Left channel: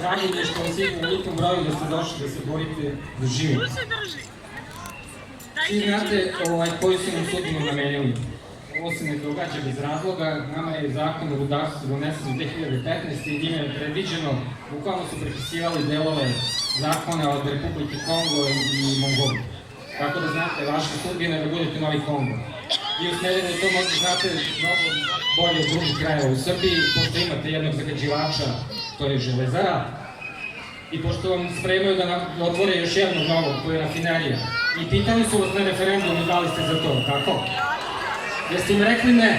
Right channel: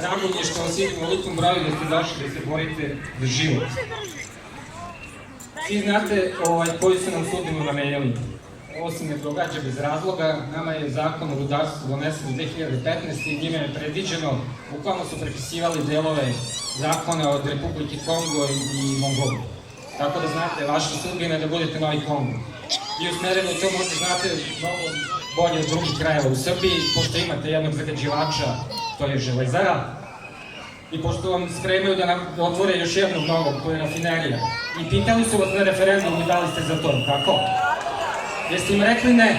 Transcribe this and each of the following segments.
Drago mi je što vas vidim u velikom broju da ste došli da se borite za život. Svi znate koju su nam sudbinu namenili. Ovo se ne događa bez razloga. Nama je zakon o rudarstvu donesen u 2015. i njime je predviđeno, bukvalno su prepisivali delove zakona od Republike Kongo i Mongolije. Tako da znate, vaša sudbina je da budete novi Kongo. Vi u Smederevu to možda znate mnogo bolje od drugih krajeva u Srbiji, pošto imate jednog zagađivača, to je Železara, i pošto vam spremaju da nam otvore još jednog novog, to je rafinerija. I pitali su vas na referendumu i da li ste za to, kako? Jeste im rekli ne?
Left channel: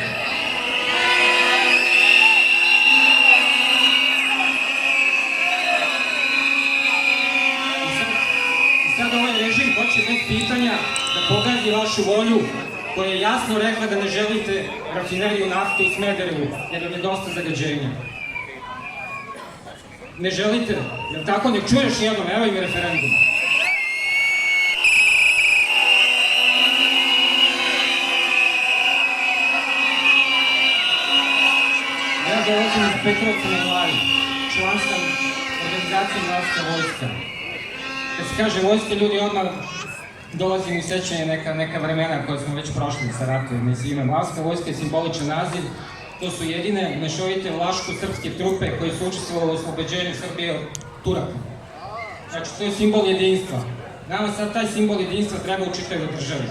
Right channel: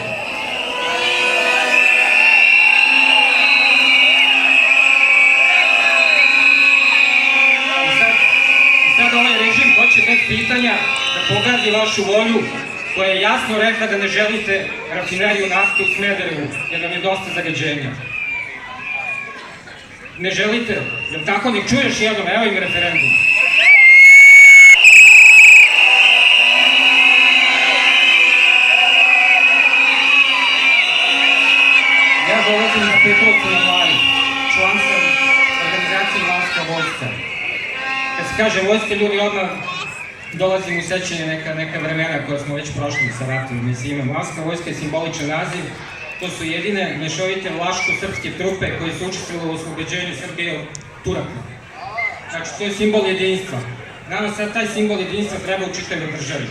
I sad ovaj režim hoće bez pitanja da pogazi vašu volju, koja je jasno rekla da ne želite rafineriju nafte u Smederevu, jer vam je dosta zagađenja. Ne želite? Jel tako? Nek čuješ jednom, evo im referendum. Ja dolazim iz Petrovca na Mlavi, član sam organizacije Mlavska vojska. Kad se kaže vojska, ljudi odmah dolazim u sećanje neka vremena koja smo već prošli sa ratom. Mlavska vojska je simboličan naziv. To su jedine mešovite vlaško-srpske trupe koje su učestvovale u oslobođenju Srbije od Turaka. Znači, to je simbol jedinstva. Nama sad taj simbol jedinstva treba u čitavoj državi.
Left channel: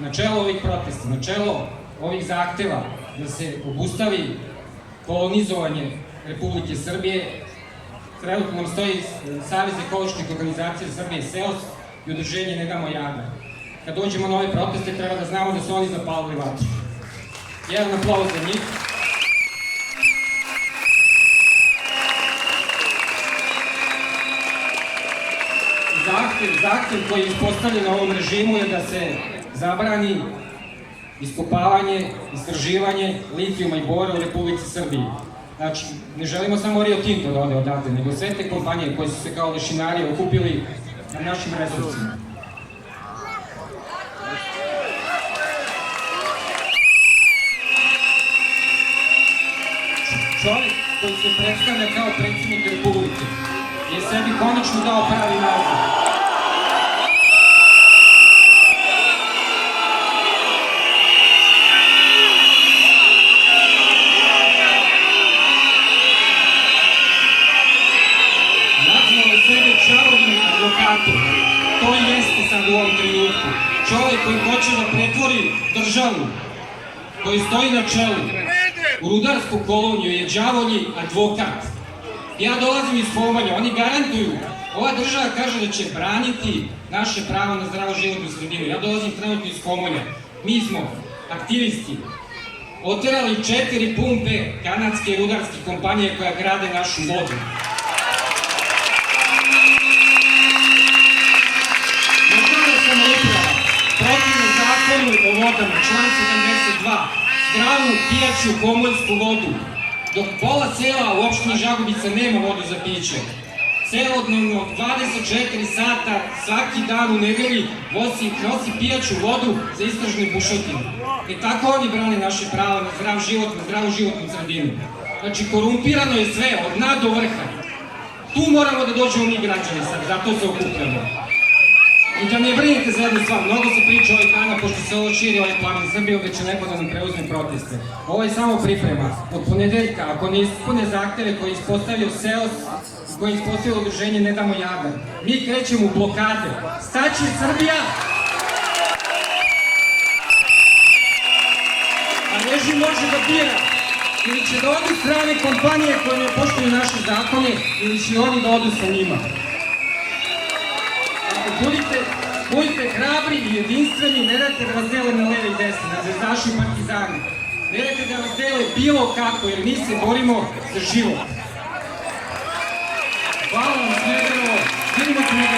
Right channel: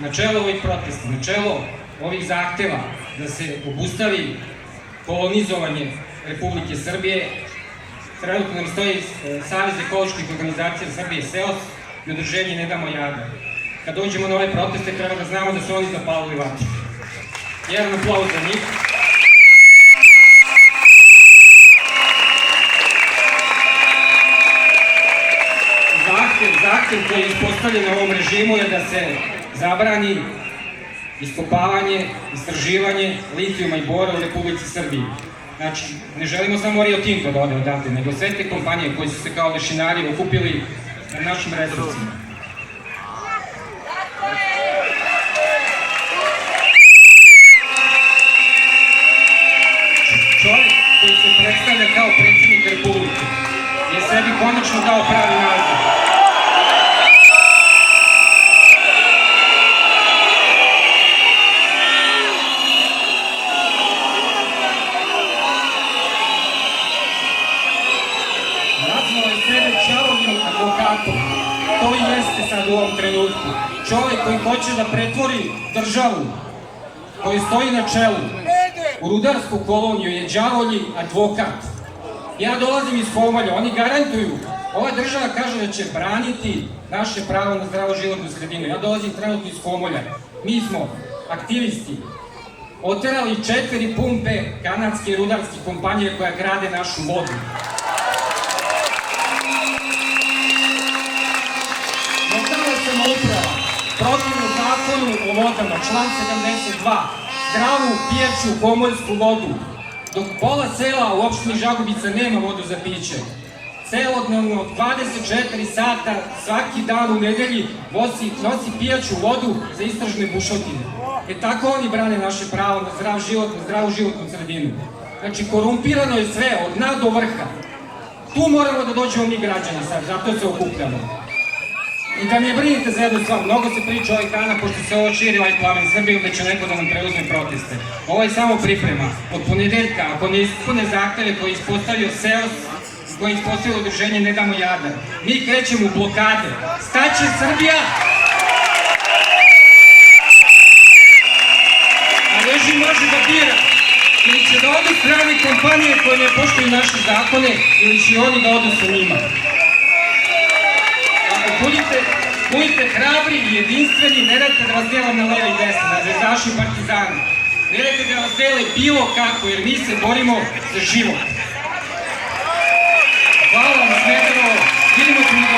Na čelo ovih protesta, na čelo ovih zahteva da se obustavi kolonizovanje Republike Srbije, trenutno nam stoji Savez ekoloških organizacija Srbije, SEOS, i udruženje Ne damo Jadar. Kad dođemo na ove proteste, treba da znamo da su oni zapalili vatru. Jedan aplauz za njih. Zahtev koji je ispostavljen na ovom režimu je da se zabrani iskopavanje, istraživanje litijuma i bora u Republici Srbiji. Znači, ne želimo samo Rio Tinto da ode odavde, nego sve te kompanije koje su se kao lešinari okupili na našim resursima. Čovjek koji se predstavlja kao predsjednik Republike je sebi konačno dao pravi naziv. Nazvao je sebe đavoljim advokatom. To i jeste sad u ovom trenutku. Čovjek koji hoće da pretvori državu koji stoji na čelu u rudarsku koloniju je đavolji advokat. Ja dolazim iz Fomalja, oni garantuju, ova država kaže da će braniti naše pravo na zdravu životnu sredinu. Ja dolazim trenutno iz Fomalja. Mi smo aktivisti oterali 4 pumpe kanadske rudarske kompanije koja grade našu vodu. Lokalna samouprava protivno zakonu o vodama, član 72, zdravu pijaću komoljsku vodu, dok pola sela u opštini Žagubica nema vodu za piće. Celodnevno 24 sata svaki dan u nedelji nosi pijaću vodu za istražne bušotine. Tako oni brane naše pravo na zdrav život, na zdravu životnu sredinu. Znači, korumpirano je sve, od dna do vrha. Tu moramo da dođemo mi građani sad, zato se okupljamo. I da ne brinite za jednu stvar, mnogo se priča ovih dana, pošto se ovo širi ovaj plamen Srbijom, da će neko da nam preuzme proteste. Ovo je samo priprema. Od ponedeljka, ako ne ispune zahteve koje je ispostavio SEOS, koje je ispostavilo udruženje Ne damo Jadar, mi krećemo u blokade. Staće Srbija! A režim može da bira. Ili će da odu strane kompanije koje ne poštuju naše zakone, ili će oni da odu sa njima. Budite hrabri i jedinstveni, ne dajte da vas dele na leve i desne, na zvezdaši i partizani. Ne dajte da vas dele bilo kako, jer mi se borimo za život. Hvala vam, Smederevo, vidimo se mi do